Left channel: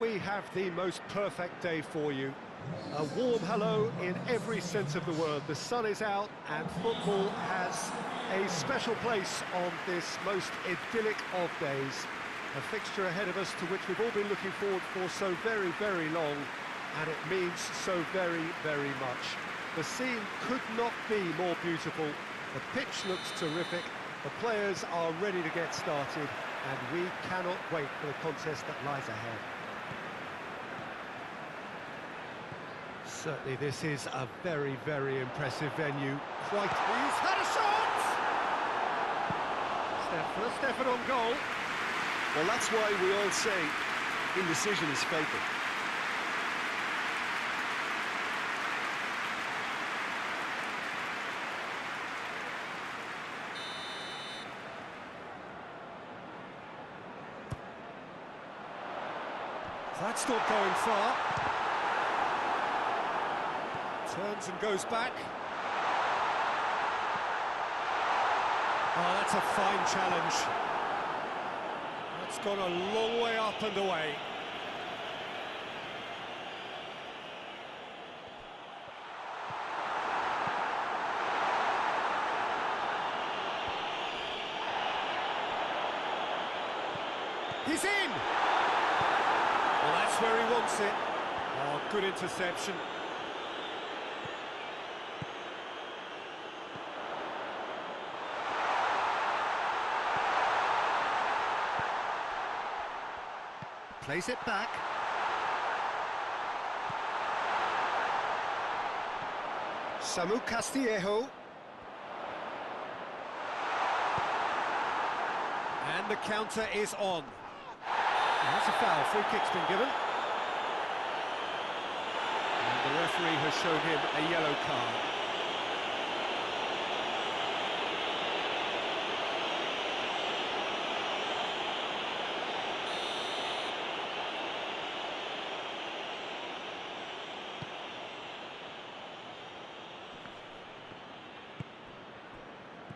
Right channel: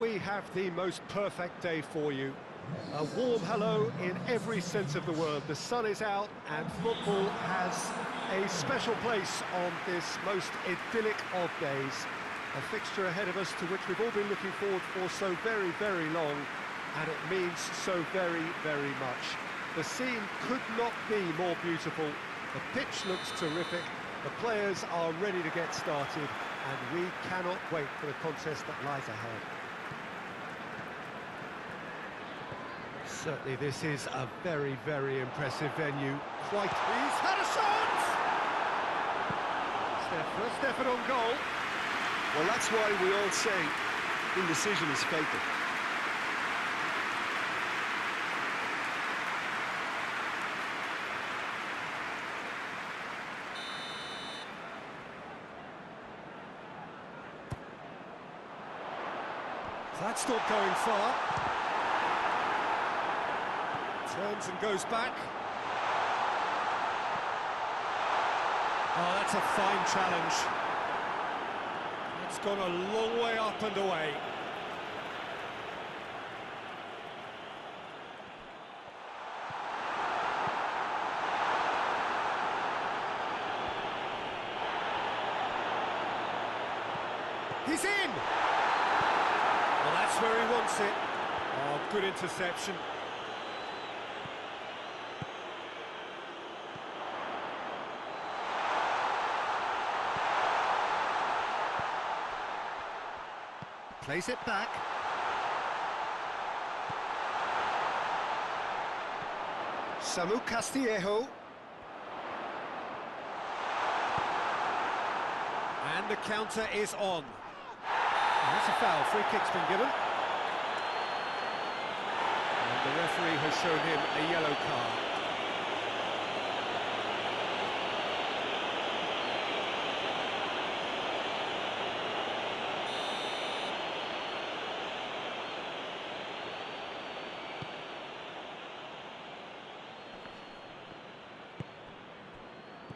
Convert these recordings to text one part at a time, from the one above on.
We have the most perfect day for you. A warm hello in every sense of the word. The sun is out and football has a special place on this most idyllic of days. A fixture ahead of us to which we've all been looking forward for so very, very long, and it means so very, very much. The scene could not be more beautiful. The pitch looks terrific. The players are ready to get started, and we cannot wait for the contest that lies ahead. Certainly this is a very, very impressive venue. He's had a shot! First effort on goal. Well, that's why we all say indecision is fatal. That's not going far. Turns and goes back. Oh, that's a fine challenge. That's gone a long way up and away. He's in! Well, that's where he wants it. Oh, good interception. Plays it back. Samu Castillejo. And the counter is on. And that's a foul. Free kick's been given. And the referee has shown him a yellow card.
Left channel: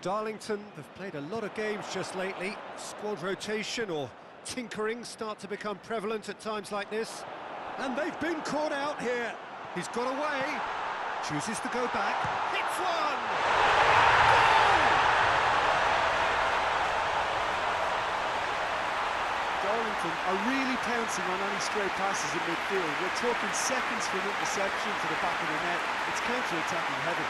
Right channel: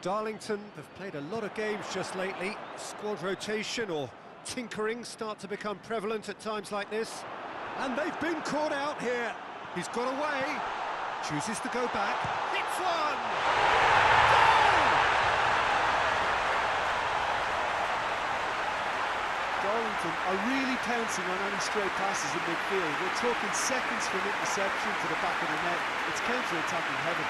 Darlington have played a lot of games just lately. Squad rotation or tinkering start to become prevalent at times like this. And they've been caught out here. He's got away, chooses to go back, hits one! Goal! Darlington are really pouncing on any stray passes in midfield. We're talking seconds from interception to the back of the net. It's counter-attacking heaven.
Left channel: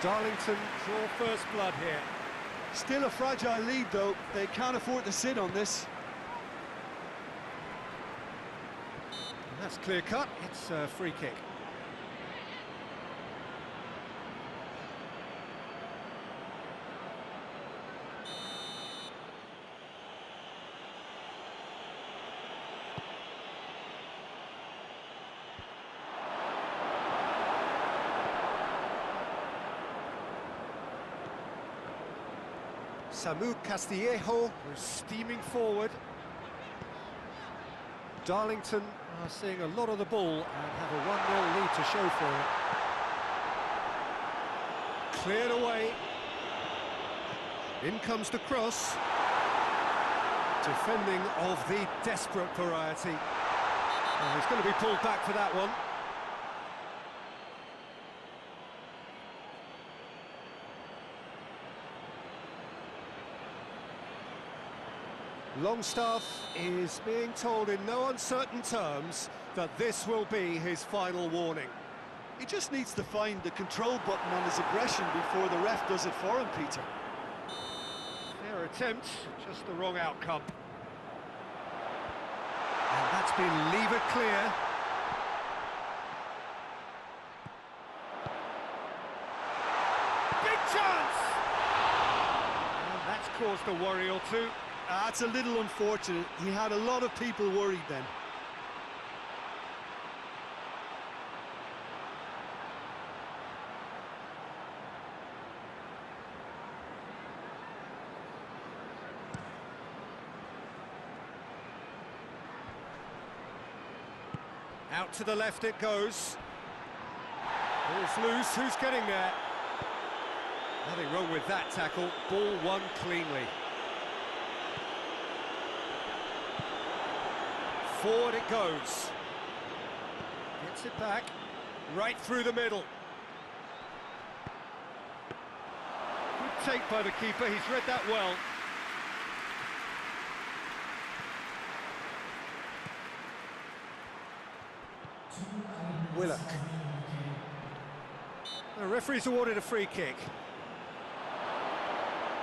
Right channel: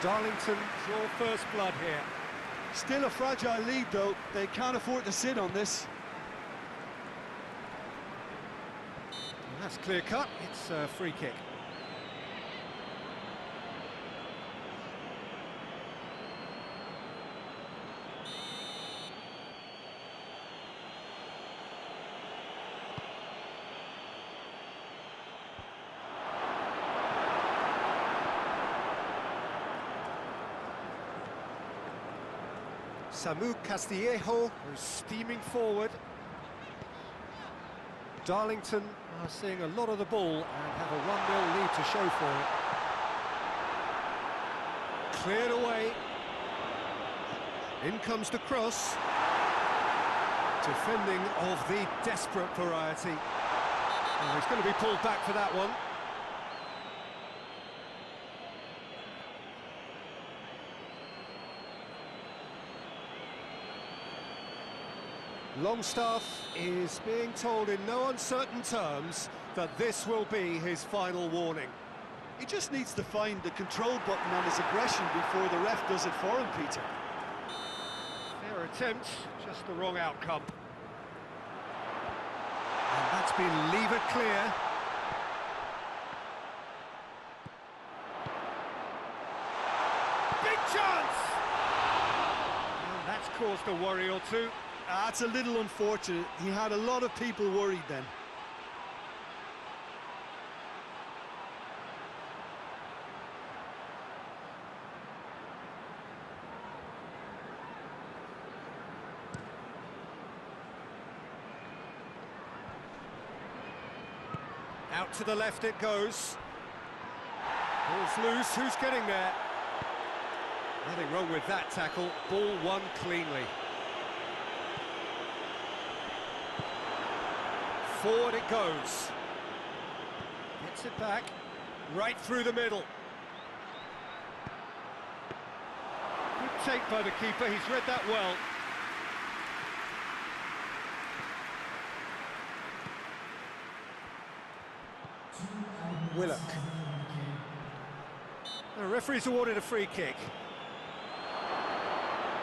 Darlington draw first blood here. Still a fragile lead, though. They can't afford to sit on this. And that's clear cut. It's a free kick. Samu Castillejo, who's steaming forward. Darlington are seeing a lot of the ball and have a 1-0 lead to show for it. Cleared away. In comes the cross. Defending of the desperate variety. Oh, he's going to be pulled back for that one. Longstaff is being told in no uncertain terms that this will be his final warning. He just needs to find the control button on his aggression before the ref does it for him, Peter. Fair attempt, just the wrong outcome. And that's been levered clear. Big chance! And that's caused a worry or two. That's a little unfortunate. He had a lot of people worried then. Out to the left it goes. Ball's loose, who's getting there? Nothing wrong with that tackle, ball won cleanly. Forward it goes. Gets it back, right through the middle. Good take by the keeper, he's read that well. Willock. The referee's awarded a free kick.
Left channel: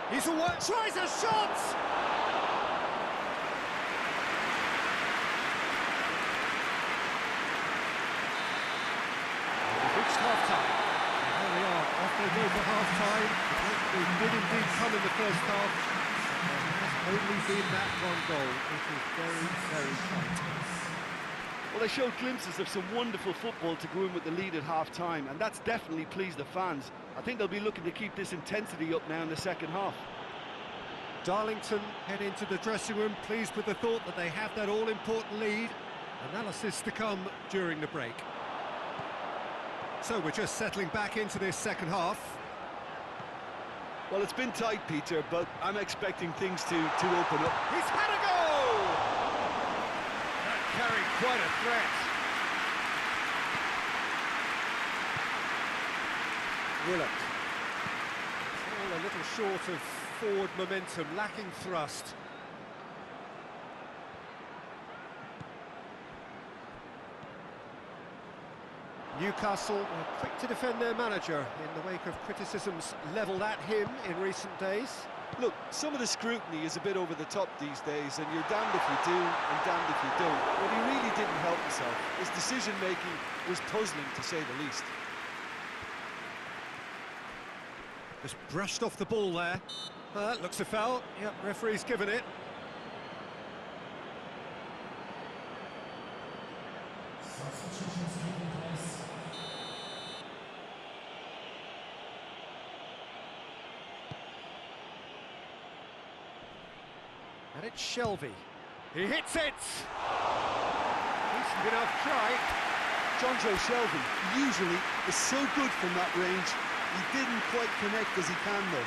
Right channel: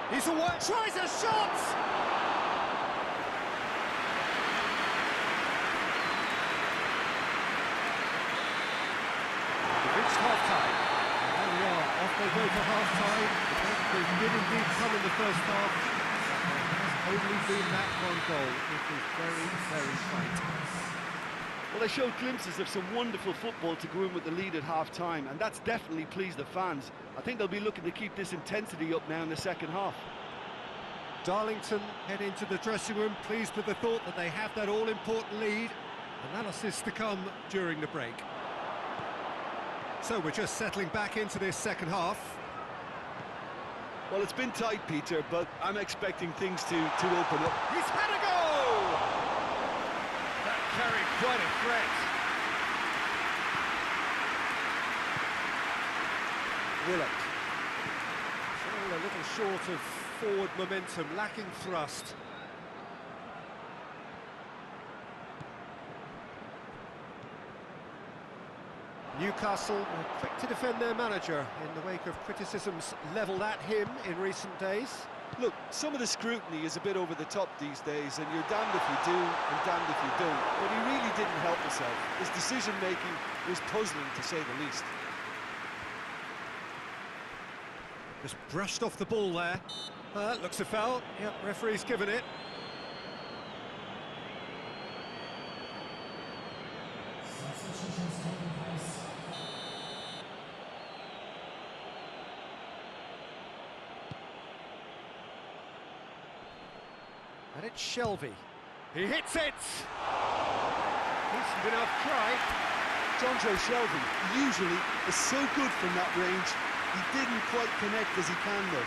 He's away, tries a shot! We've reached half-time. And there we are, off they go for half-time. The breakthrough did indeed come in the first half, but there has only been that one goal. It is very, very tight. Well, they showed glimpses of some wonderful football to go in with the lead at half-time, and that's definitely pleased the fans. I think they'll be looking to keep this intensity up now in the second half. Darlington head into the dressing room, pleased with the thought that they have that all-important lead. Analysis to come during the break. So we're just settling back into this second half. Well, it's been tight, Peter, but I'm expecting things to open up. He's had a go! That carried quite a threat. Willock. It's all a little short of forward momentum, lacking thrust. Newcastle were quick to defend their manager in the wake of criticisms levelled at him in recent days. Look, some of the scrutiny is a bit over the top these days, and you're damned if you do and damned if you don't. But he really didn't help himself. His decision-making was puzzling, to say the least. Just brushed off the ball there. Looks a foul. Yep, referee's given it. And it's Shelby. He hits it! Decent enough try. Jonjo Shelby usually is so good from that range. He didn't quite connect as he can, though.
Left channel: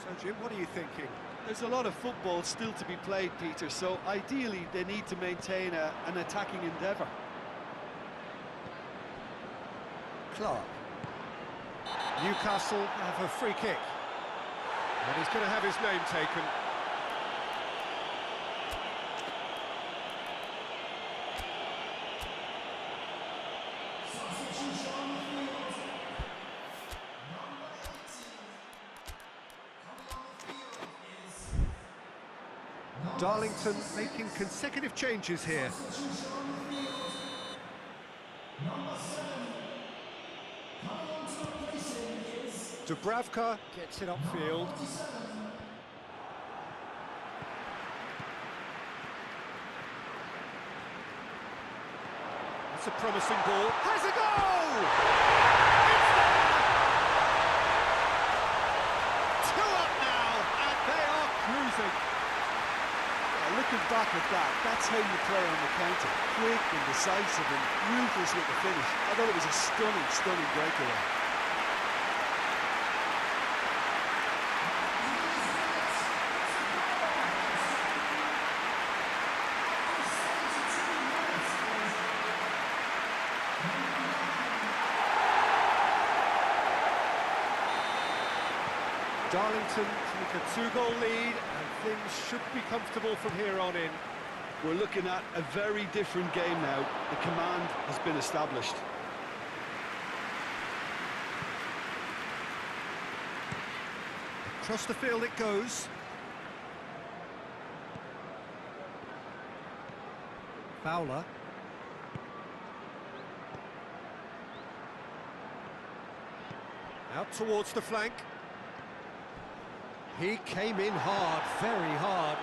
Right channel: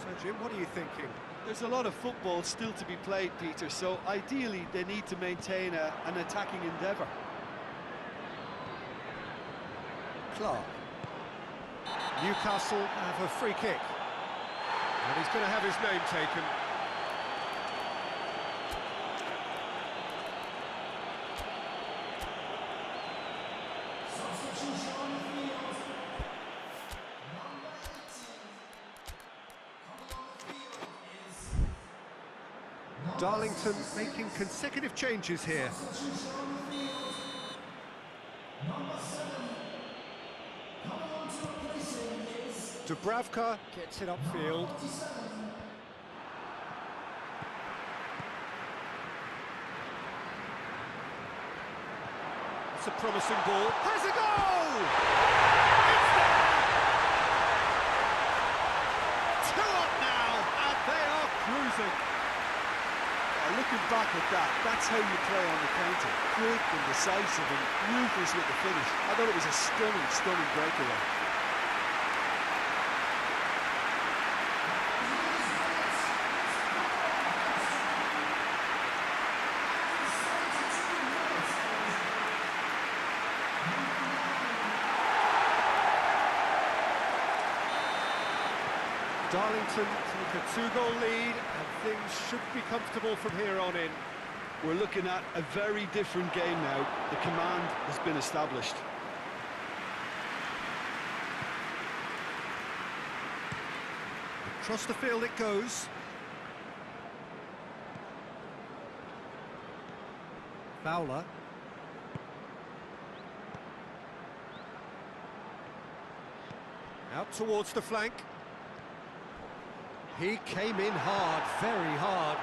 So, Jim, what are you thinking? There's a lot of football still to be played, Peter, so ideally they need to maintain an attacking endeavour. Clark. Newcastle have a free kick. And he's going to have his name taken. Darlington making consecutive changes here. Dubravka gets it upfield. That's a promising ball. Has a goal! It's there! 2 up now, and they are cruising. Looking back at that, that's how you play on the counter. Quick and decisive and ruthless with the finish. I thought it was a stunning, stunning breakaway. Darlington take a 2-goal lead, and things should be comfortable from here on in. We're looking at a very different game now. The command has been established. Across the field it goes. Fowler. Out towards the flank. He came in hard, very hard.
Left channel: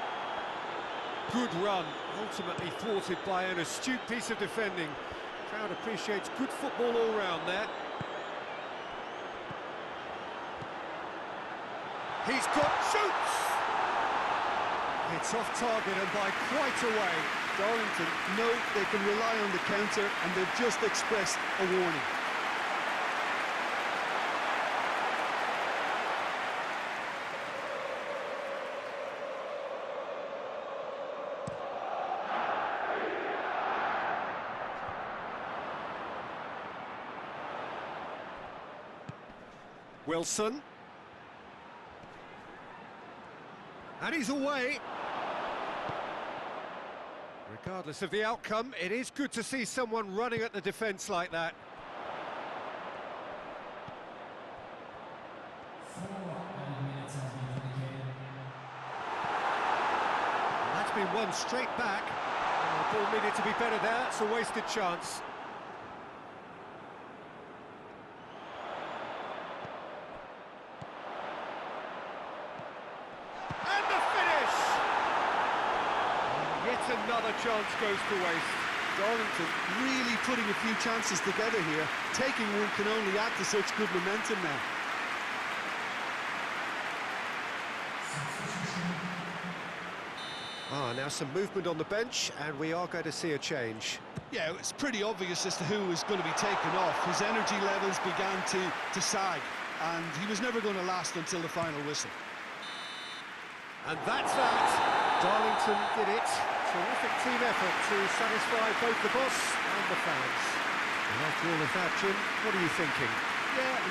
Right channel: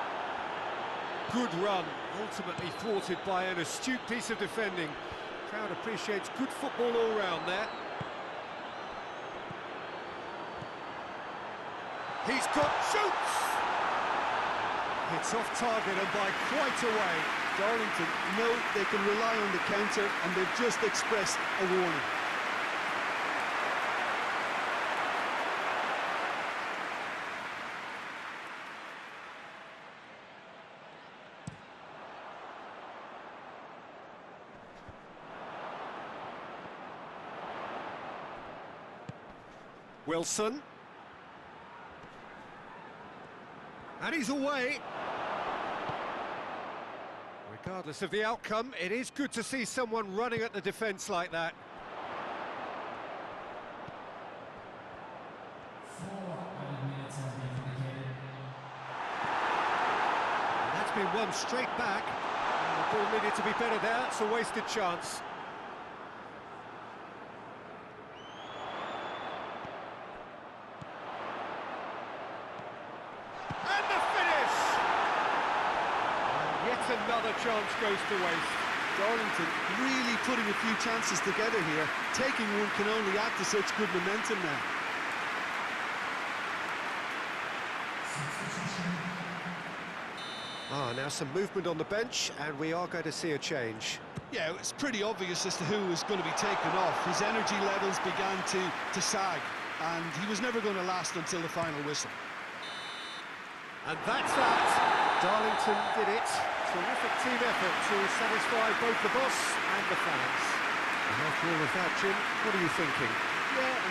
Good run, ultimately thwarted by an astute piece of defending. Crowd appreciates good football all round there. He's got shoots! It's off target and by quite a way. Darlington know they can rely on the counter, and they've just expressed a warning. Wilson. And he's away. Regardless of the outcome, it is good to see someone running at the defence like that. And that's been won straight back. The ball needed to be better there, it's a wasted chance. And the finish! And yet another chance goes to waste. Darlington really putting a few chances together here. Taking one can only add to such good momentum now. Now some movement on the bench, and we are going to see a change. Yeah, it's pretty obvious as to who was going to be taken off. His energy levels began to sag, and he was never going to last until the final whistle. And that's that. Darlington did it. Terrific team effort to satisfy both the boss and the fans. And after all of that, Jim, what are you thinking? Yeah.